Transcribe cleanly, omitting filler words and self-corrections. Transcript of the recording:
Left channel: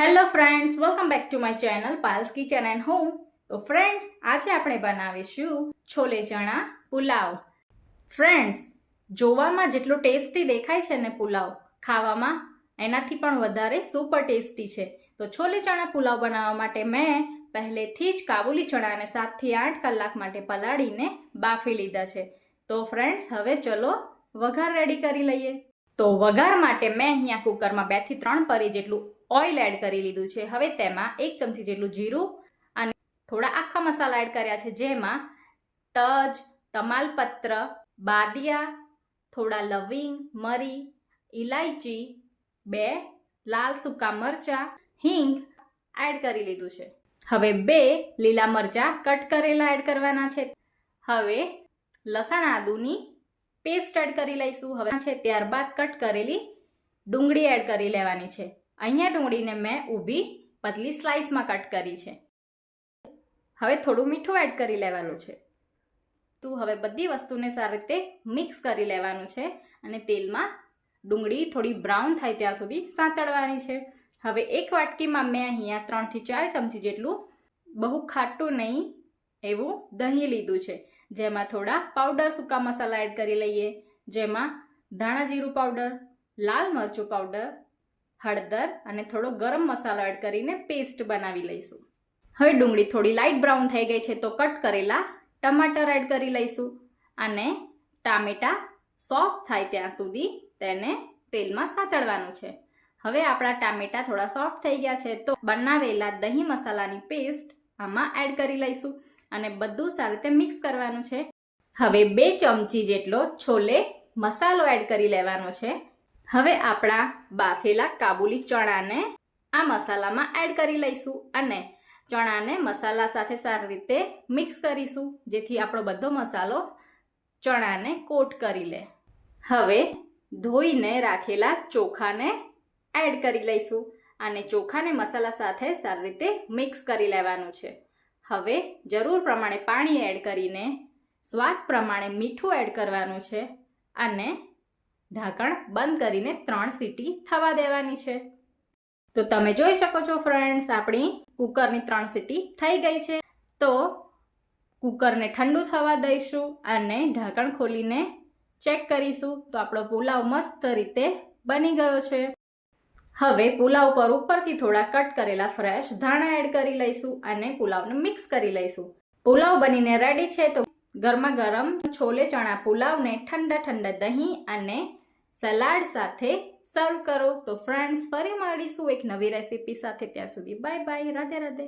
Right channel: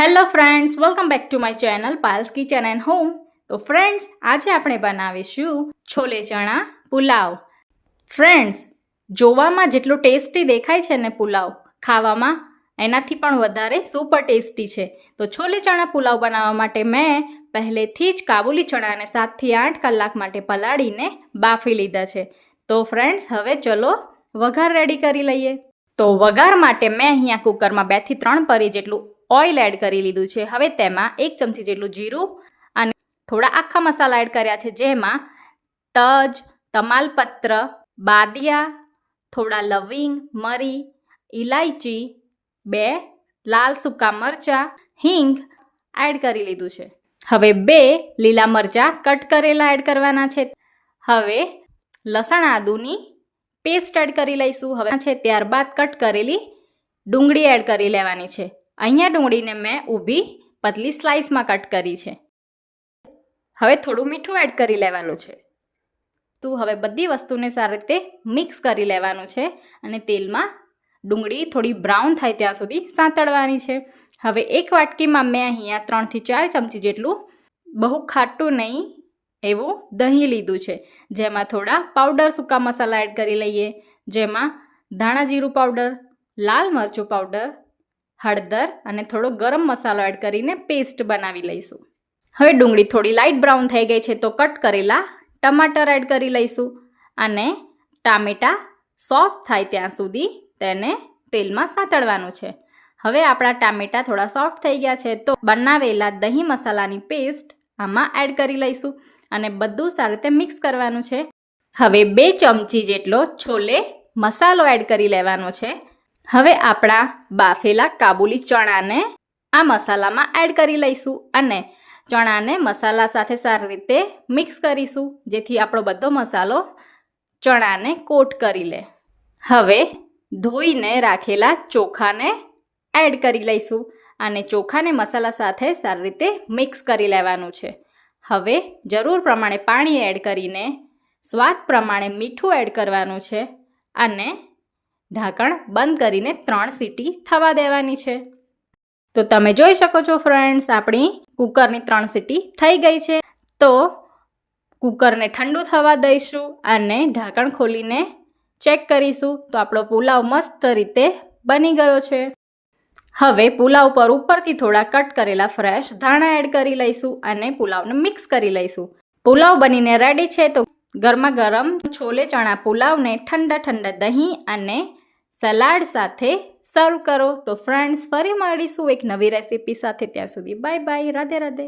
Hello friends, welcome back to my channel Payal's kitchen and home. તો friends, આજે આપણે બનાવીશું છોલે ચણા પુલાવ. ફ્રેન્ડ્સ, જોવામાં જેટલું ટેસ્ટી દેખાય છે ને પુલાવ, ખાવામાં એનાથી પણ વધારે સુપર ટેસ્ટી છે. તો છોલે ચણા પુલાવ બનાવવા માટે મેં પહેલેથી જ કાબુલી ચણાને 7 થી 8 કલાક માટે પલાળીને બાફી લીધા છે. તો ફ્રેન્ડ્સ, હવે ચલો વઘાર રેડી કરી લઈએ. તો વઘાર માટે મેં અહીંયા કુકરમાં 2 થી 3 પરી જેટલું ઓઇલ એડ કરી લીધું છે. હવે તેમાં 1 ચમચી જેટલું જીરું અને થોડા આખા મસાલા એડ કર્યા છે, જેમાં તજ, તમાલપત્ર, બાદિયા, થોડા લવિંગ, મરી, ઇલાયચી, 2 લાલ સૂકા મરચાં, હિંગ એડ કરી લીધું છે. હવે 2 લીલા મરચાં કટ કરેલા એડ કરવાના છે. હવે લસણ આદુની પેસ્ટ એડ કરી લઈશું. હવે છે ત્યારબાદ કટ કરેલી ડુંગળી એડ કરી લેવાની છે. અહીંયા ડુંગળીને મેં ઊભી પતલી સ્લાઇસમાં કટ કરી છે. હવે થોડું મીઠું એડ કરી લેવાનું છે. તો હવે બધી વસ્તુને સારી રીતે મિક્સ કરી લેવાનું છે અને તેલમાં ડુંગળી થોડી બ્રાઉન થાય ત્યાં સુધી સાંતળવાની છે. હવે એક વાટકીમાં મેં અહીંયા 3 થી 4 ચમચી જેટલું બહુ ખાટું નહીં એવું દહીં લીધું છે, જેમાં થોડા પાવડર સૂકા મસાલા એડ કરી લઈએ, જેમાં ધાણા જીરું પાવડર, લાલ મરચું પાવડર, હળદર અને થોડો ગરમ મસાલો એડ કરીને પેસ્ટ બનાવી લઈશું. હવે ડુંગળી થોડી લાઇટ બ્રાઉન થઈ ગઈ છે, તો કટ કરેલા ટમાટર એડ કરી લઈશું અને ટામેટાં સોફ્ટ થાય ત્યાં સુધી તેને તેલમાં સાંતળવાનું છે. હવે આપણા ટામેટાં થોડા સોફ્ટ થઈ ગયા છે, તો બનાવેલા દહીં મસાલાની પેસ્ટ આમાં એડ કરી લઈશું અને બધું સારી રીતે મિક્સ કરવાનું છે. હવે 2 ચમચી જેટલો છોલે મસાલો એડ કરી લેવાનો છે. હવે આપણા બાફેલા કાબુલી ચણાને આ મસાલામાં એડ કરી લઈશું અને ચણાને મસાલા સાથે સારી રીતે મિક્સ કરીશું, જેથી આપણો બધો મસાલો ચણાને કોટ કરી લે. હવે ધોઈને રાખેલા ચોખાને એડ કરી લઈશું અને ચોખાને મસાલા સાથે સારી રીતે મિક્સ કરી લેવાનું છે. હવે જરૂર પ્રમાણે પાણી એડ કરીને સ્વાદ પ્રમાણે મીઠું એડ કરવાનું છે અને ઢાંકણ બંધ કરીને 3 સીટી થવા દેવાની છે. તો તમે જોઈ શકો છો ફ્રેન્ડ્સ, આપણી કુકરની 3 સીટી થઈ ગઈ છે. તો કુકરને ઠંડુ થવા દઈશું અને ઢાંકણ ખોલીને ચેક કરીશું. તો આપણો પુલાવ મસ્ત રીતે બની ગયો છે. હવે પુલાવ પર ઉપરથી થોડા કટ કરેલા ફ્રેશ ધાણા એડ કરી લઈશું અને પુલાવને મિક્સ કરી લઈશું. પુલાવ બનીને રેડી છે. તો ગરમા ગરમ છોલે ચણા પુલાવને ઠંડા ઠંડા દહીં અને સલાડ સાથે સર્વ કરો. તો ફ્રેન્ડ્સ, ફરી મળીશું એક નવી રેસીપી સાથે. ત્યાં સુધી બાય બાય, રાધે રાધે.